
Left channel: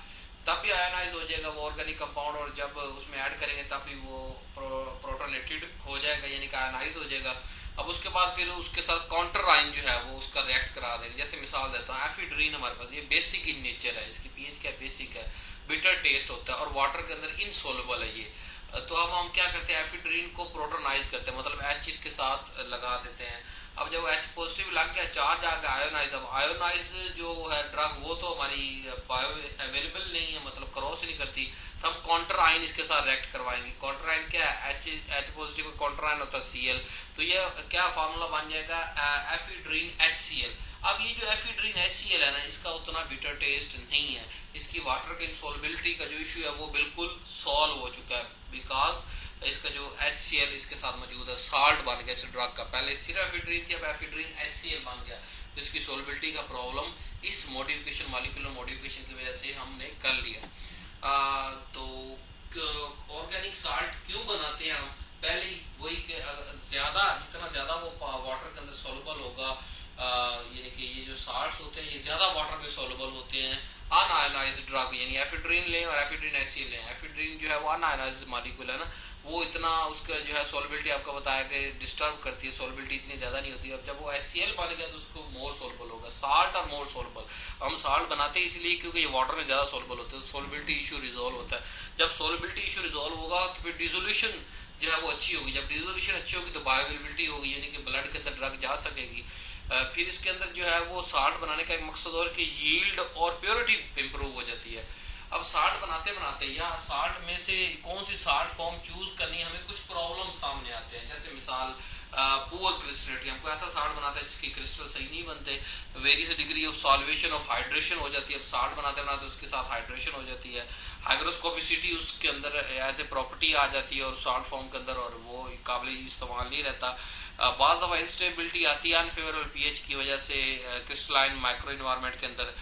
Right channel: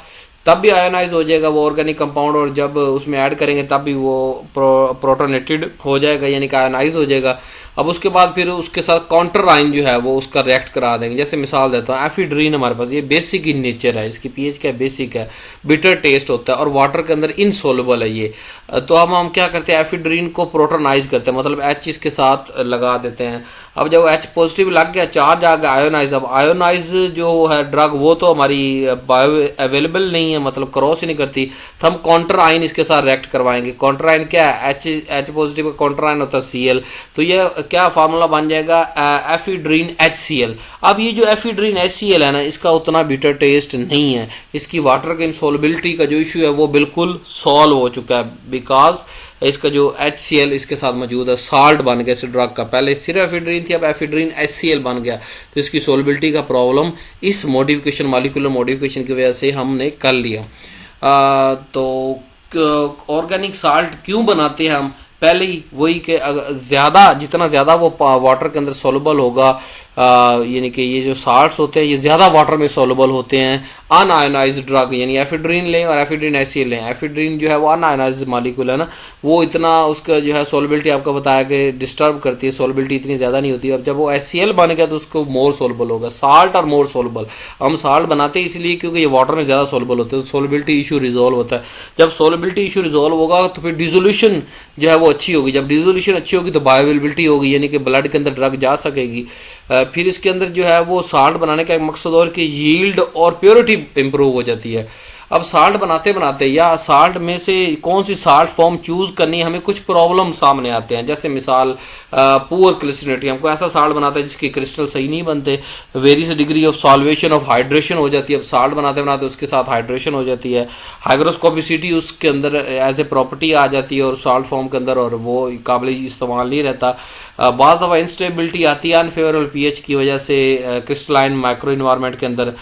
तब भी आयनाइज हो जाएगा वो ऑर्गेनिक कंपाउंड, और जब उसमें ऐड करेंगे तब भी वो प्रोटोनेटेड हो जाएगा यानी कि आयनाइज हो जाएगा। अब उसके बाद फिर उसके साथ काउंटर आयन जो है वो उसका रिएक्ट करा देंगे। जैसे मिसाल देता हूँ, एफिड्रीन हमारे पास ये बेसिक इन नेचर है, इसकी पीएच क्या बेसिक है, बिटर टेस्ट होता है और वाटर के अंदर इनसोल्युबल है ये। तो हम क्या करते हैं, एफिड्रीन को प्रोटोनाइज करते हैं, मतलब एच इसके साथ लगा देते हैं। अब जब एच पॉजिटिव लग गया, चार्ज आ गया आयोनाइज, अब आयोनाइज जो है ड्रग वो तो हमारी बायो अवेलेबल नहीं है, मतलब क्रॉस ही नहीं करती, तो हम काउंटर आयन इसके साथ रिएक्ट करवाएंगे। काउंटर आयन क्या है, एच पॉजिटिव का काउंटर आयन होता है Cl, तो ये क्या फार्मूला बन जाएगा, एफिड्रीन HCl। अब ये जो एफिड्रीन HCl है ना, इसका उतना बिटर टेस्ट नहीं है, इसकी वाटर के इंसॉल्युबिलिटी का जो इशू है वो बिल्कुल सॉल्व हो चुका है, बिकॉज इसका जो HCl इसके साथ मौजूद है, साल्ट बन गया इस ड्रग का। पहले सिर्फ एफिड्रीन थी, अब एफिड्रीन HCl बन गया, तो इसकी सोलबिलिटी का प्रॉब्लम इस मॉडिफिकेशन, मॉलिक्यूलर मॉडिफिकेशन की वजह से हमने कर लिया। तो ऑर्गेनिक साल्ट क्यों बनाते हैं हम, पहले ही वही कि ज़्यादा, जितना ज़्यादा वो वाटर के अंदर सोलबल होगा, यानी कि ये जो साल्ट्स होते हैं ये ज़्यादा वाटर में सोलबल होते हैं। अनआयोनाइज्ड ड्रग यानी एफिड्रीन लें और एफिड्रीन HCl लें, एफिड्रीन जो है वो अनआयोनाइज्ड मॉलिक्यूल है ना, वो इतना उसका जो है सोलबिलिटी आपको बताया कि डिस्टर्ब करती है, सोलबिलिटी इतनी ज़्यादा नहीं होती। अब जब वो HCl बन गया तो उसको मोर सोलबल होगा, साल्ट और मोर सोलबल। हम साल्ट बनाते हैं इसलिए क्योंकि ये वाटर में ज़्यादा सोलबल होते हैं, तो सोलबिलिटी इशू रिजॉल्व होता है। जब सोलबिलिटी इशू रिजॉल्व होगा तो फिर डिसोल्यूशन जो है वो अच्छी होगी, जब डिसोल्यूशन अच्छी होगी तो बायोअवेलेबिलिटी होगी, यानी कि ब्लड के अंदर ड्रग जा सकेगी। फिर इसके अंदर जो है वो साल्ट बनाने का एक मकसद और कि यील्ड और प्योरिटी इंप्रूव हो जाती है। अब साल्ट बनाते बनाते या साल्ट में से कौन सी साल्ट फॉर्म चूज़ करनी, हमें कुछ प्रॉब्लम सामने आते हैं। जैसे मिसाल पुअर क्रिस्टलिटी, हमको ऐसा साल्ट बनाता है जिसके क्रिस्टल सही नहीं बनते, various degree of solvation of hydration हो जाती है। अब साल्ट बनाते बनाते उसके साथ हाइड्रेशन हो जाती है, हाइग्रोस्कोपिसिटी उसके अंदर एज ए प्रॉपर्टी आ जाती है और साल्ट फॉर्म के अंदर, और वो काबिल इस्तेमाल नहीं रहता। बाज़ दफ़ा इंस्टेबिलिटी आती है अनफेवरेबल पीएच की वजह से क्रिस्टलाइन माइक्रो इन्वायरमेंट के अंदर।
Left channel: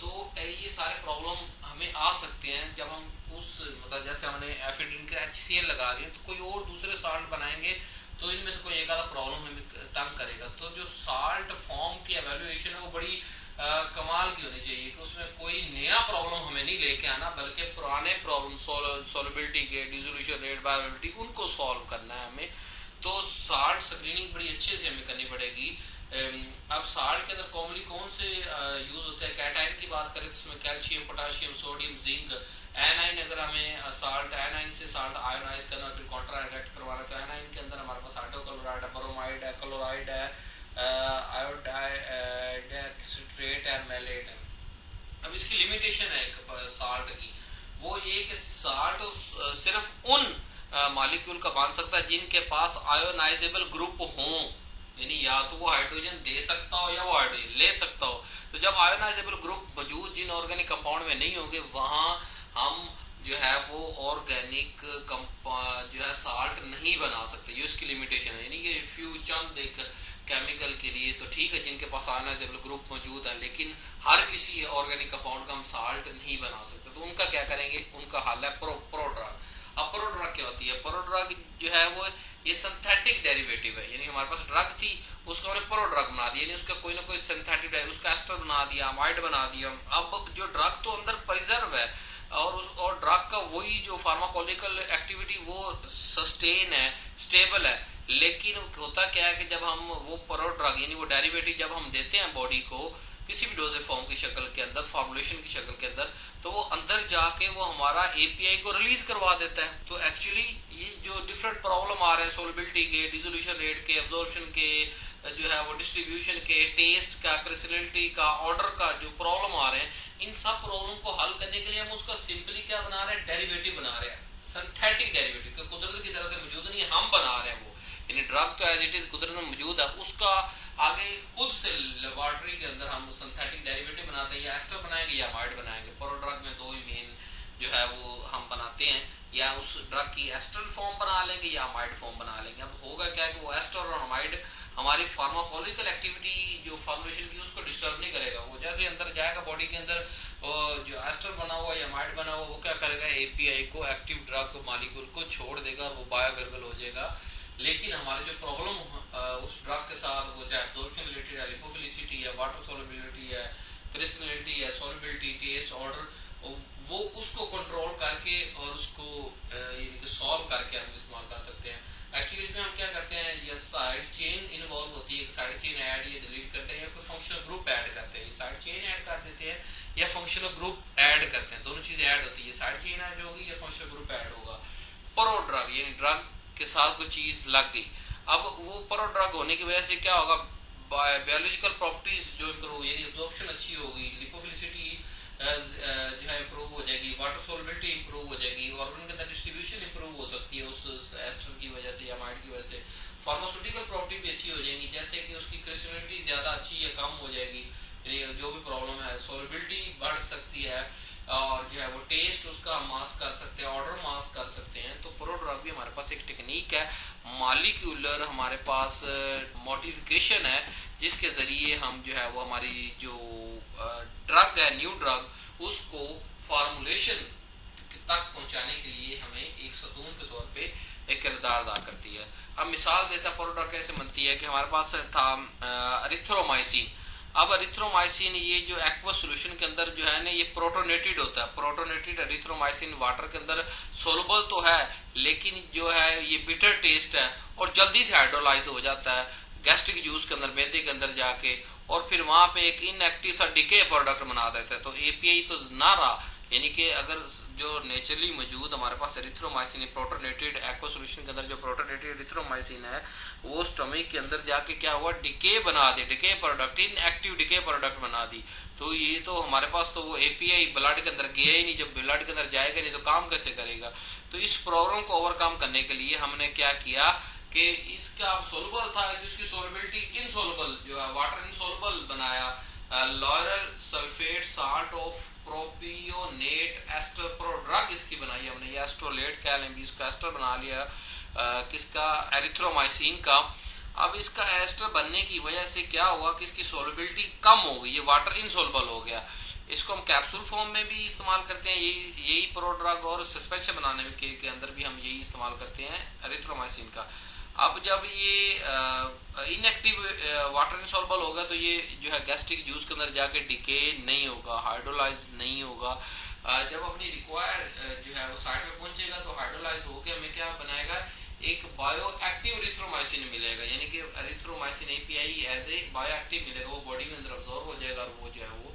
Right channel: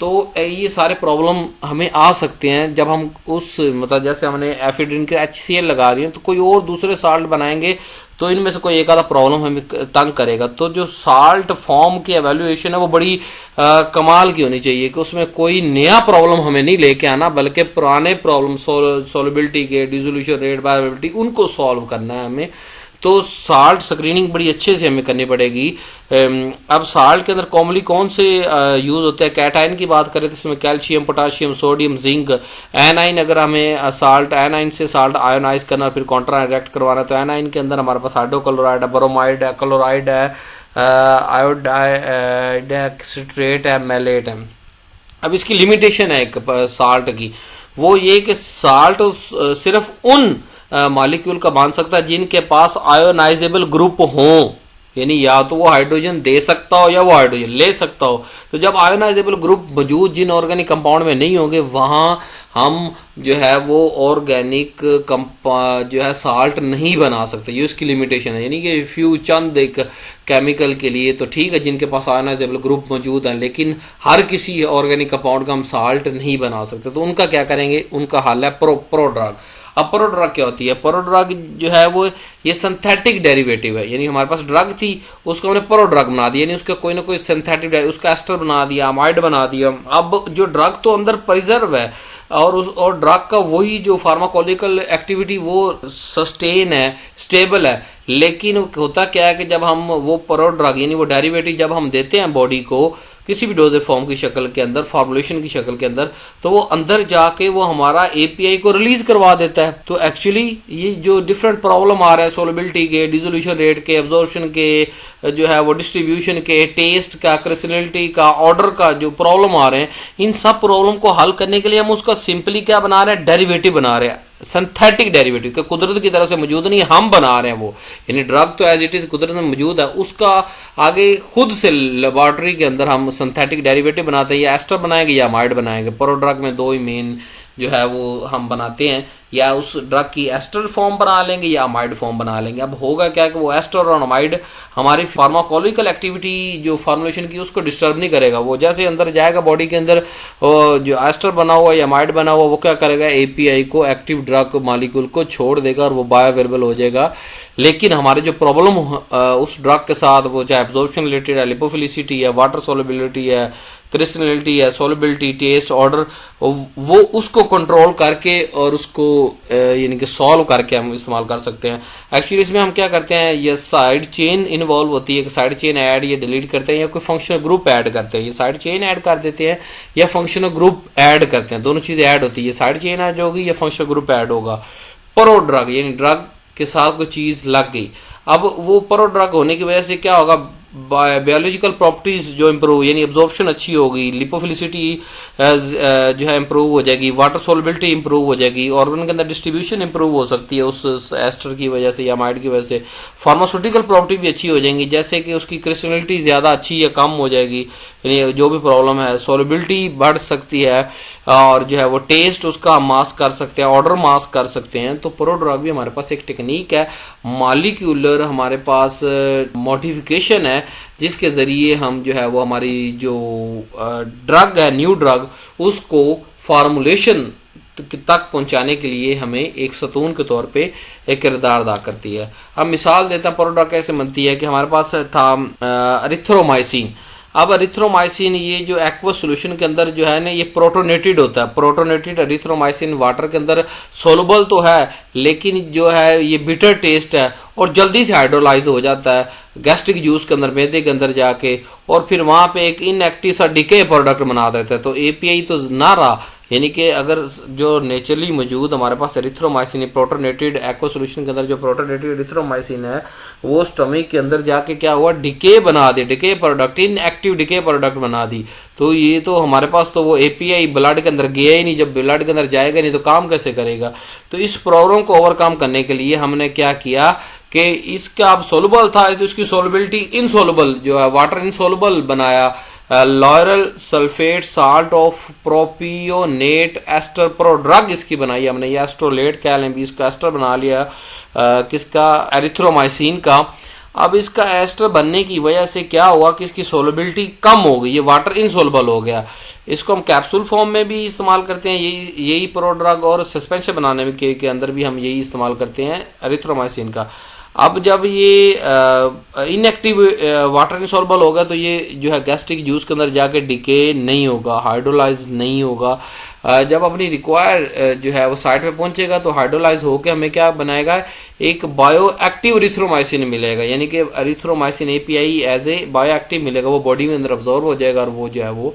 तो ये सारे प्रॉब्लम हमें आ सकते हैं जब हम उस, मतलब जैसे हमने एफिड्रीन के HCl लगा रही हैं, तो कोई और दूसरे साल्ट बनाएंगे तो इनमें से कोई एक आधा प्रॉब्लम हमें तंग करेगा। तो जो साल्ट फॉर्म की एवेल्यूएशन है वो बड़ी कमाल की होनी चाहिए कि उसमें कोई नया प्रॉब्लम हमें नहीं लेके आना, बल्कि पुराने प्रॉब्लम सोलबिलिटी के, डिसोल्यूशन रेट, बायोअवेलेबिलिटी, उनको सॉल्व करना है हमें। तो साल्ट स्क्रीनिंग बड़ी अच्छे से हमें करनी पड़ेगी। अब साल्ट के अंदर कॉमनली कौन से यूज़ होते हैं, कैटाइन की बात करें तो इसमें calcium, potassium, sodium, zinc. A9, अगर हमें साल्ट एनाइन से साल्ट आयोनाइज करना फिर काउंटर रिएक्ट करवाना है, तो एनाइन के अंदर हमारे पास हाइड्रोक्लोराइड है, ब्रोमाइड है, क्लोराइड है, आयोडाइड सिट्रेट है, मैलेट है। अब इसकी लिमिटेशन है एक साल्ट की, वो ये कि साल्ट सिर्फ उन मॉलिक्यूल का बन सकता है जिनके पास आयोनाइजेबल ग्रुप हों, यानी या तो वो हाइड्रोजन दे सकता हो या वो हाइड्रोजन ले सकता हो। तो जब आयोनाइजेबल ग्रुप मौजूद जिन ऑर्गेनिक कंपाउंड में नहीं होंगे, वहाँ हम जो है वो ऑर्गेनिक जो है साल्ट नहीं बना सकते, ये उसकी लिमिटेशन है। यानी कि फ्यू चंद एक केमिकल के लिए तो ठीक है जिनके पास आयोनाइजेबल ग्रुप मौजूद हैं, लेकिन हर किसी ऑर्गेनिक कंपाउंड का हम साल्ट नहीं बना सकते। तो उनका क्या करेंगे, उनका हल है प्रोड्रग। अब प्रोड्रग क्या होती है, प्रोड्रग जो है वो ये सिंथेटिक डेरिवेटिव है, यानी हमारे पास ड्रग थी उसको हमने प्रोड्रग बना दिया, यानी उसका कोई ना कोई सिंथेटिक, उसका एस्टर बना दिया, अमाइड बना दिया। अब जो ड्रग तो अंदर प्रिजर्व है और ड्रग का वही जो फार्माकोलॉजिकल एक्टिविटी वो सस्टेन है, स्टेबल है, लेकिन होता क्या है कि जब हम वो प्रोड्रग यानी वो डेरिवेटिव जब हम देते हैं बॉडी को किसी भी डोजेज फॉर्म की शक्ल के अंदर, फॉर्मुलेशन की शक्ल के अंदर, तो वो अंदर जाके वो हमारा API को रिलीज करवा देता है। तो एक्चुअली ये जो डिफरेंट प्रॉब्लम आ रहा है सोलबिलिटी के, डिसोल्यूशन रेट के, एब्जॉर्प्शन के, जो है वो डिस्ट्रीब्यूशन के, टेस्ट का, क्रिस्टलिटी का, ऑर्डर का जो प्रॉब्लम आ रहे हैं, इन सब प्रॉब्लम को हल करने के लिए हम उसका सिंपली क्या बना रहे हैं, डेरिवेटिव बना रहे हैं, सिंथेटिक डेरिवेटिव के कुदरत की तरफ से मौजूद नहीं, हम बना रहे हैं वो। यानी ड्रग तो एज इट इज कुदरत में मौजूद है, उसका आगे खुद से लेबॉर्ट्री के अंदर हम सिंथेटिक डेरिवेटिव बनाते हैं, या एस्टर बनाएंगे या अमाइड बनाएंगे। प्रोड्रग में दो ही मेन जो है वो हम बनाते हैं, या उस ड्रग की एस्टर फॉर्म बना लेंगे या अमाइड फॉर्म बना लेंगे। अब होगा क्या कि वो एस्टर और अमाइड हमारी फार्माकोलॉजिकल एक्टिविटी जो फार्मुलेशन की उसको डिस्टर्ब नहीं करेगा। वो जैसे अंदर जाएगा बॉडी के अंदर, जो एस्टर बना हुआ या अमाइड बना हुआ वो क्या करेगा, API को, एक्टिव ड्रग मॉलिक्यूल को छोड़ देगा और वो बायोअवेलेबल हो जाएगा। लेकिन हमारे जो प्रॉब्लम उस ड्रग के साथ, वो चाहे एब्जॉर्प्शन रिलेटेड है, लिपोफिलिसिटी है, वाटर सोलबिलिटी है, क्रिस्टलिटी है, सोलिबिलिटी, टेस्ट, ऑर्डर, वो उसको कंट्रोल करके और उसको यानी कि सॉल्व करके हम इस्तेमाल कर सकते हैं। एक्चुअली इसमें हम क्या करते हैं, ये साइड चेन इन्वॉल्व होती है कि साइड चेन ऐड या डिलीट करते हैं या कोई फंक्शनल ग्रुप ऐड करते हैं। ये साइड चेन ऐड कर देते हैं या फंक्शनल ग्रुप ऐड करते हैं, दोनों चीज़ें ऐड होती है। साइड चेन ऐड होगी या फंक्शनल ग्रुप ऐड होगा। प्रो ड्रग यानी ड्रग के साथ कोई चीज़ लग गई, अब वो प्रो ड्रग होने की वजह से क्या होगा, बायोलॉजिकल प्रॉपर्टीज़ जो इम्प्रूव यानी एब्जॉर्प्शन अच्छी होगी, लिपोफिलिसिटी जो है इम्प्रूव हो जाएगी, वाटर सोलबिलिटी इम्प्रूव हो जाएगी, ऑर्गन के अंदर डिस्ट्रीब्यूशन इम्प्रूव हो सकती है उस एस्टर की वजह से या माइड की वजह से। फार्मास्यूटिकल प्रॉपर्टी भी अच्छी हो जाएंगी, जैसे कि उसकी क्रिस्टलिटी ज़्यादा अच्छी या कम हो जाएगी, यानी जो भी प्रॉब्लम है सोलबिलिटी बढ़ सकती है, और जो है वो टेस्ट उसका मास्क कर सकते हैं, ऑर्डर मास्क कर सकते हैं। तो प्रो ड्रग भी हमारे पास एक टेक्निक है, मॉलिक्यूलर हमारे पास मॉडिफिकेशन है, जिसके ज़रिए हम जो है वो हमारी जो ड्रग है, न्यू ड्रग, उसको फार्मूलेशन तक पहुंचाने के लिए हमें एक सतून के तौर पे एक किरदार अदा करती है। अब मिसाल देता है प्रो ड्रग कैसे बनती है कि हमारे पास था एरिथ्रोमाइसिन। अब एरिथ्रोमाइसिन ये जो एक्वस सॉल्यूशन के अंदर जो है ना, ये प्रोटोनेटेड होता है। प्रोटोनेटेड एरिथ्रोमाइसिन वाटर के अंदर सोलबल तो है, लेकिन जो है ये बिटर टेस्ट है और जल्दी से हाइड्रोलाइज हो जाता है गैस्ट्रिक जूस के अंदर, मैदे के अंदर जाके, और फिर वहाँ पे एक इनएक्टिव सा डिके प्रोडक्ट बना देता है। तो एपीआई तो ना रहा, यानी कि अगर जो नेचुरली मौजूद हमारे पास एरिथ्रोमाइसिन प्रोटोनेटेड एक्वा सॉल्यूशन के अंदर जो प्रोटोनेटेड एरिथ्रोमाइसिन है, वो स्टमक के अंदर जाके क्या हुआ, डिके बना दे, decay product, inactive decay product बना दी। तो ये तो हमारे पास तो वो एपीआई ब्लड के अंदर गया ही नहीं, जब ब्लड के अंदर जाएगा नहीं तो काम कैसे करेगा। तो इस प्रॉब्लम को ओवरकम करने के लिए हमने क्या किया कि इसका अब सोलबल था तो इसकी सोलबिलिटी इनसोलबल जो है, वाटर इनसोलबल बनाया। Lauryl sulphate salt of propionate ester prodrug इसकी बनाई हमने, ये एस्ट्रोलेट कह लें भी, इसका एस्टर बना लिया किसका, एरिथ्रोमाइसिन का। अब इसका एस्टर बनने की वजह से क्या हुआ कि इसकी सोलबिलिटी कम हो गई, ये वाटर इनसोलबल हो गया। इसको हम कैप्सूल फॉर्म में भी इस्तेमाल करते हैं, यही प्रो ड्रग, और सस्पेंशन बनाने के अंदर भी हम यही इस्तेमाल करते हैं एरिथ्रोमाइसिन का। अब जब ये इनएक्टिव वाटर इनसॉल्युबल होगा तो ये जो है गैस्ट्रिक जूस के अंदर जाके डिके नहीं होगा, हाइड्रोलाइज नहीं होगा। जब अपनी रिक्वायर जो है वो साइट पे पहुंचेगा तो हाइड्रोलाइज होकर हमें क्या बनाएगा, एक बायो एक्टिव एरिथ्रोमाइसिन मिलेगा, यानी कि erythromycin API as a bio active मिलेगा, वो बॉडी में अंदर अब्जॉर्ब हो जाएगा और वो जो है वो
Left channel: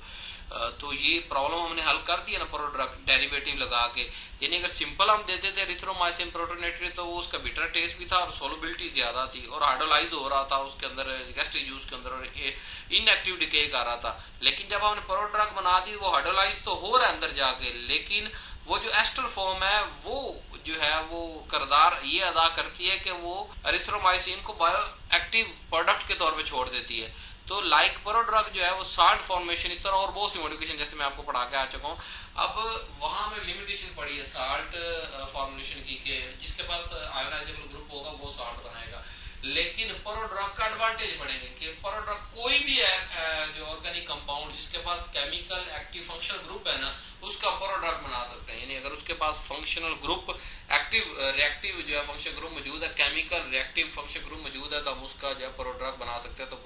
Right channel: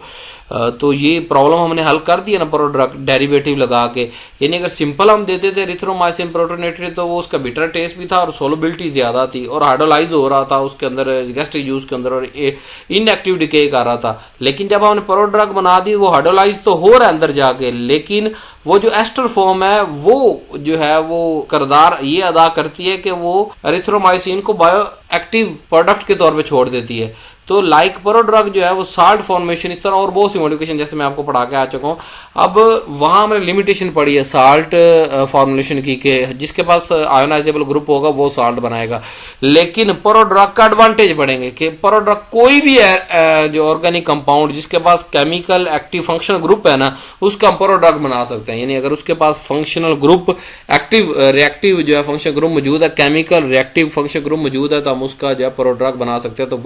तो ये प्रॉब्लम हमने हल कर दिया ना प्रो ड्रग डेरिवेटिव लगा के। यानी अगर सिंपल हम देते थे एरिथ्रोमाइसिन प्रोटोनेटेड तो वो उसका बिटर टेस्ट भी था और सोलबिलिटी ज़्यादा थी और हाइड्रोलाइज हो रहा था उसके अंदर गैस्ट्रिक जूस के अंदर और इनएक्टिव डिके कर रहा था। लेकिन जब हमने प्रो ड्रग बना दी वो हाइड्रोलाइज तो हो रहा है अंदर जाके, लेकिन वो जो एस्टर फॉर्म है वो जो है वो किरदार ये अदा करती है कि वो एरिथ्रोमाइसिन को बायो एक्टिव प्रोडक्ट के तौर पे छोड़ देती है। तो लाइक प्रो ड्रग जो है वो साल्ट फॉर्मेशन इस तरह और बहुत सी मॉडिफिकेशन जैसे मैं आपको पढ़ा के आ चुका हूँ। अब वहाँ हमने लिमिटेशन पड़ी है साल्ट फॉर्मुलेशन की के जिसके पास आयोनाइजेबल ग्रुप होगा वो साल्ट बनाएगा, लेकिन प्रो ड्रग का एडवांटेज पड़ेंगे कि प्रो ड्रग कोई भी जो ऑर्गेनिक कंपाउंड जिसके पास केमिकल एक्टिव फंक्शनल ग्रुप है ना उसका हम प्रो ड्रग बना सकते हैं। यानी अगर उसके पास फंक्शनल ग्रुप एक्टिव रिएक्टिव जो है फंक्शनल ग्रुप मौजूद है, केमिकल रिएक्टिव फंक्शनल ग्रुप मौजूद है, तो हम उसका जो है प्रो ड्रग बना सकते हैं। तो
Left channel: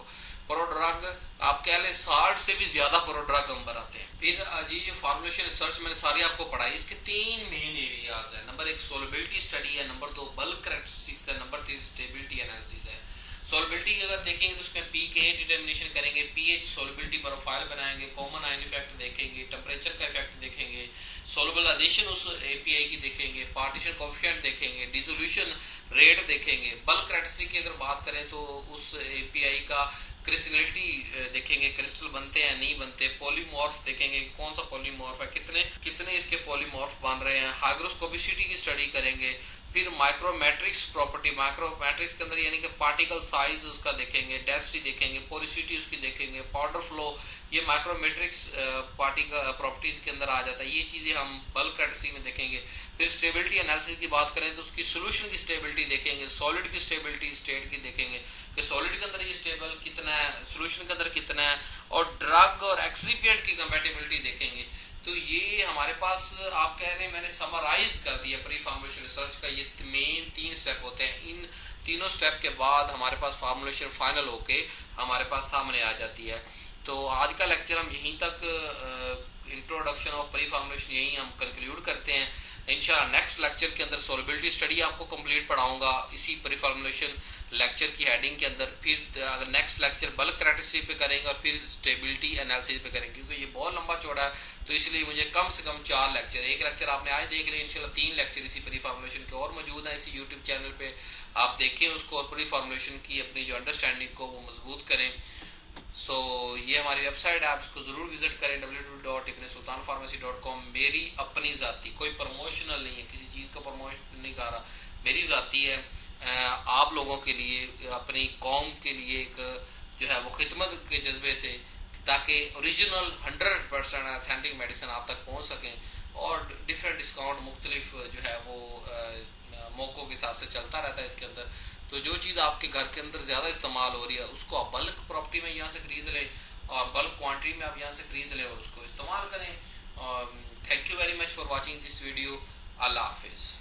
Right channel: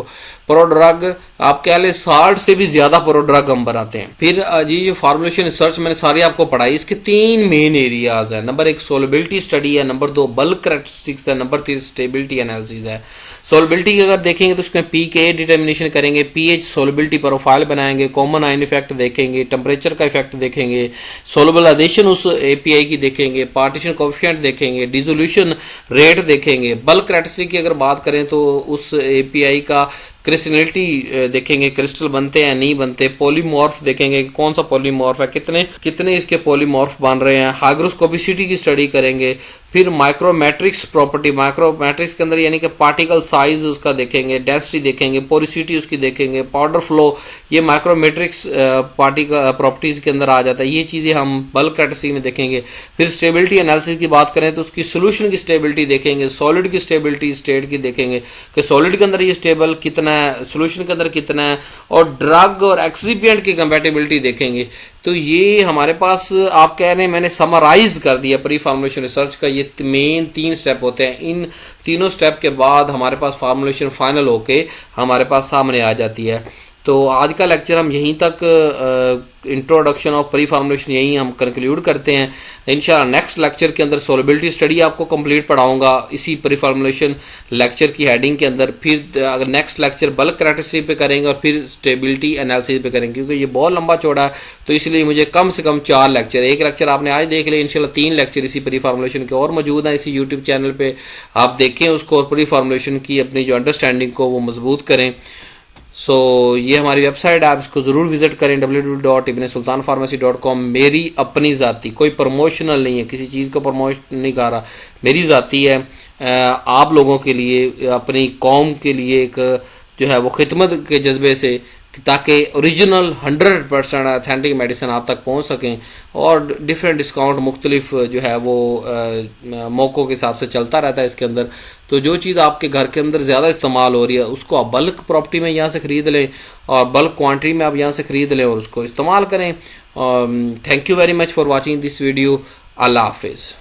प्रो ड्रग आप कह ले साल्ट से भी ज्यादा प्रो ड्रग हम बनाते हैं। फिर जी जो फार्मुलेशन रिसर्च मैंने सारी आपको पढ़ाई, इसके 3 मेन एरियाज है। नंबर 1 सोलबिलिटी स्टडी है, नंबर 2 बल्क करैक्टरिस्टिक्स है, नंबर 3 स्टेबिलिटी एनालिसिस है। सोलबिलिटी की अगर देखेंगे तो उसमें पीके डिटर्मिनेशन करेंगे, पीएच सोलबिलिटी प्रोफाइल बनाएंगे, कॉमन आयन इफेक्ट देखेंगे, टेम्परेचर का इफेक्ट देखेंगे, सोलबलाइजेशन उस एपीआई की देखेंगे, पार्टीशन कोएफिशिएंट देखेंगे, डिसोल्यूशन रेट देखेंगे। बल्क करैक्टरिस्टिक की अगर बात करें तो उस एपीआई का क्रिस्टलिटी देखेंगे, क्रिस्टल बनते हैं नहीं बनते, पॉलीमॉर्फ देखेंगे कि कौन सा पॉलीमॉर्फ है, कितने कितने इसके पॉलीमॉर्फ बन रहे हैं, हाइग्रोस्कोपिसिटी की स्टडी करेंगे। फिर माइक्रोमेट्रिक्स प्रॉपर्टी, माइक्रोमेट्रिक्स के अंदर यानी कि पार्टिकल साइज उसका देखेंगे, डेंसिटी देखेंगे, पोरिसिटी उसकी देखेंगे, पाउडर फ्लो, ये माइक्रोमेट्रिक्स पार्टिकल प्रॉपर्टीज के अंदर आ जाता है। ये चीज़ें हम बल्क करैक्टरिस्टिक में देखेंगे। फिर स्टेबिलिटी एनालिसिस की बात करें तो उसकी सोल्यूशन की स्टेबिलिटी देखेंगे, सॉलिड की स्टेबिलिटी स्टेट की देखेंगे कि सॉलिड के अंदर ये स्टेबल कितना है, सोल्यूशन के अंदर कितना है, और ड्रग और एक्सिपिएंट की कंपैटिबिलिटी देखेंगे। तो ये हमारे पास आप कह रहे हैं मैंने समराइज कर दिया प्री फार्मुलेशन रिसर्च का, ये मेन 3 स्टेप होते हैं। इन तीनों स्टेप के बाद हमारे पास फार्मुलेशन फाइनल होके हमारे पास सामने आ जाती है। तो आज का लेक्चर हम यहीं तक इंट्रोडक्शन ऑफ प्री फार्मुलेशन यहीं हम कंक्लूड करते हैं। इंशाल्लाह नेक्स्ट लेक्चर के अंदर सोलबिलिटी स्टडी आपको कंप्लीट पढ़ाऊंगा इसी प्री फार्मुलेशन लेक्चर की हेडिंग के अंदर। फिर अगर नेक्स्ट लेक्चर बल्क कैरेक्टरिस्टिक पे करेंगे और फिर स्टेबिलिटी एनालिसिस पे करेंगे, क्योंकि ये बहुत लंबा चौड़ा है तो इसलिए मुझे कम से कम 4 लेक्चर, एक लेक्चर आपने आज देख लिया, इंशाल्लाह 3 लेक्चर इसी प्री फार्मुलेशन के और मौजूद हैं इसी यूट्यूब चैनल पर। आप देखें उसको और प्री फार्मुलेशन की अपनी जो अंडरस्टैंडिंग को वो मजबूत करें। सो ये हमारी वेबसाइट है, आप इसको ज़रूर विज़िट करें www.ibnsultanpharmacy.com। मेरी अपनी ज़ाती, कोई प्रमोशनल नहीं है, किसी चीज़ को प्रमोशन नहीं कर रहा, मेरी ज़ाती है। आप लोगों के लिए, अपनी कौम के लिए एक जो है वो खिदमत के जज्बे से, ताकि ओरिजिनल 100% अथेंटिक मेडिसिन आप तक पहुंच सकें। और डिफरेंट डिस्काउंट मुख्तलिफ जो है वो मौक़ों के हिसाब से चलता रहता है इसके अंदर। तो जो चीज़ आपके घर के अंदर ज़्यादा इस्तेमाल हो रही है उसको आप बल्क प्रॉपर्टी में यहाँ से ख़रीद लें और बल्क क्वांटिटी में आप यहाँ से ख़रीद लें और उसको इस्तेमाल करें। Thank you very much for watching this video. अल्लाह हाफिज़।